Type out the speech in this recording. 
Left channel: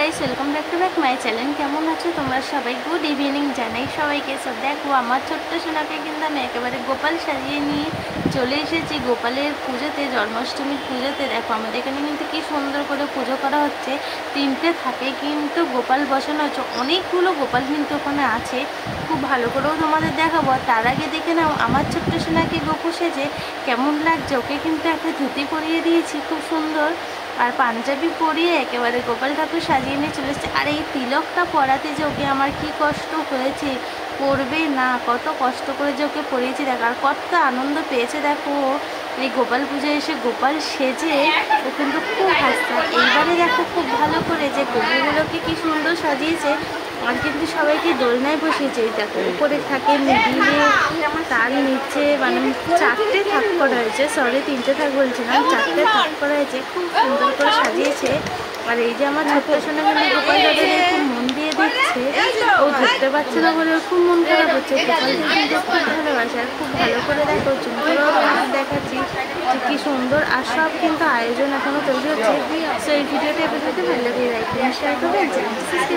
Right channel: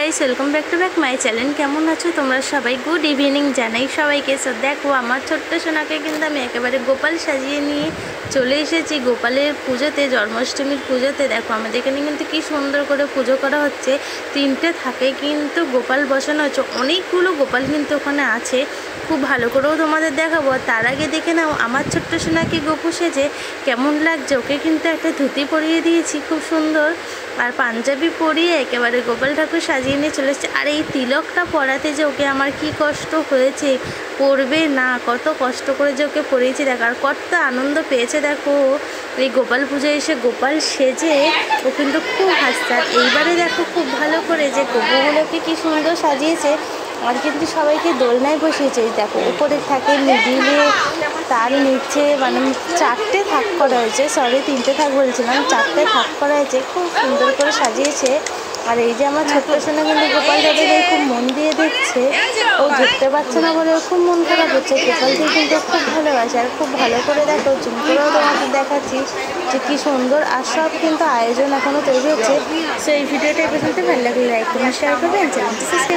Guys welcome back to back my channel. केमन आछो तोमरा सबाई? Good evening Janai सबाइके। सो देखो आमार छोट्ट सोनाके किन्तु आमि एकेबारे गोपाल साजिए निये चले एसेछि गोपालेर पुजोते, जन्माष्टमीर पुजोते। देखो आमादेर एखाने किन्तु कि सुंदर करे पुजो करा हच्छे। तीनटे थाके किन्तु गोपाल बसानो हच्छे, अनेकगुलो गोपाल किन्तु ओखाने आछे। खूब भालो करेओ तोमादेर देखाबो। तार आगे देखे नाओ आमार छोट्ट सोनाके गोपू सेजे केमन लागछे। ओके किन्तु एकटा धुति परिये दिएछि खूब सुंदर और पांजाबी परिए एकेबारे गोपाल ठाकुर साजिए निये चले एसेছে। और এই তিলকটা পরাতে যে ওকে আমার কি কষ্ট হয়েছে, পড়বে না কত কষ্ট করে যে ওকে পরিয়েছি দেখো, আর কত আনন্দ পেয়েছে দেখো এই গোপাল পুজো এসে গোপাল সেজে ও কিন্তু খুব হাসছে। আর এইবারে দেখো খুব ভালো করে যে গোপুগুলোকে কি সুন্দর সাজিয়েছে। আর কিন্তু সবাইকে দোলনায় বসিয়েছে। দেখো উপরে থাকে মিডিলে, তার নিচে মানে চারটে থাক করা হয়েছে, সরি তিনটে থাক বলছিলাম, চারটে থাক করা হয়েছে, খুব সুন্দর করে সাজিয়েছে। আর এই যে আমার ছোট্ট সোনা কিন্তু গোপাল দাদাকে খুব মন দিয়ে দেখছে, ও ধরতে পারছে না বলে খুব মন খারাপ হচ্ছে। গোপালকে কিন্তু খুব ভালোবাসে আর খুব ভালো করে দেখো জুম করেও তোমাদের দেখাচ্ছি যে কী সুন্দর। আর সব কিন্তু আয়োজন এখনও তৈরি হচ্ছে। সেই ভিডিওটা এ পর্যন্ত ভালো লাগে লাইক করুন, শেয়ার করবেন, চ্যানেলটি সাবস্ক্রাইব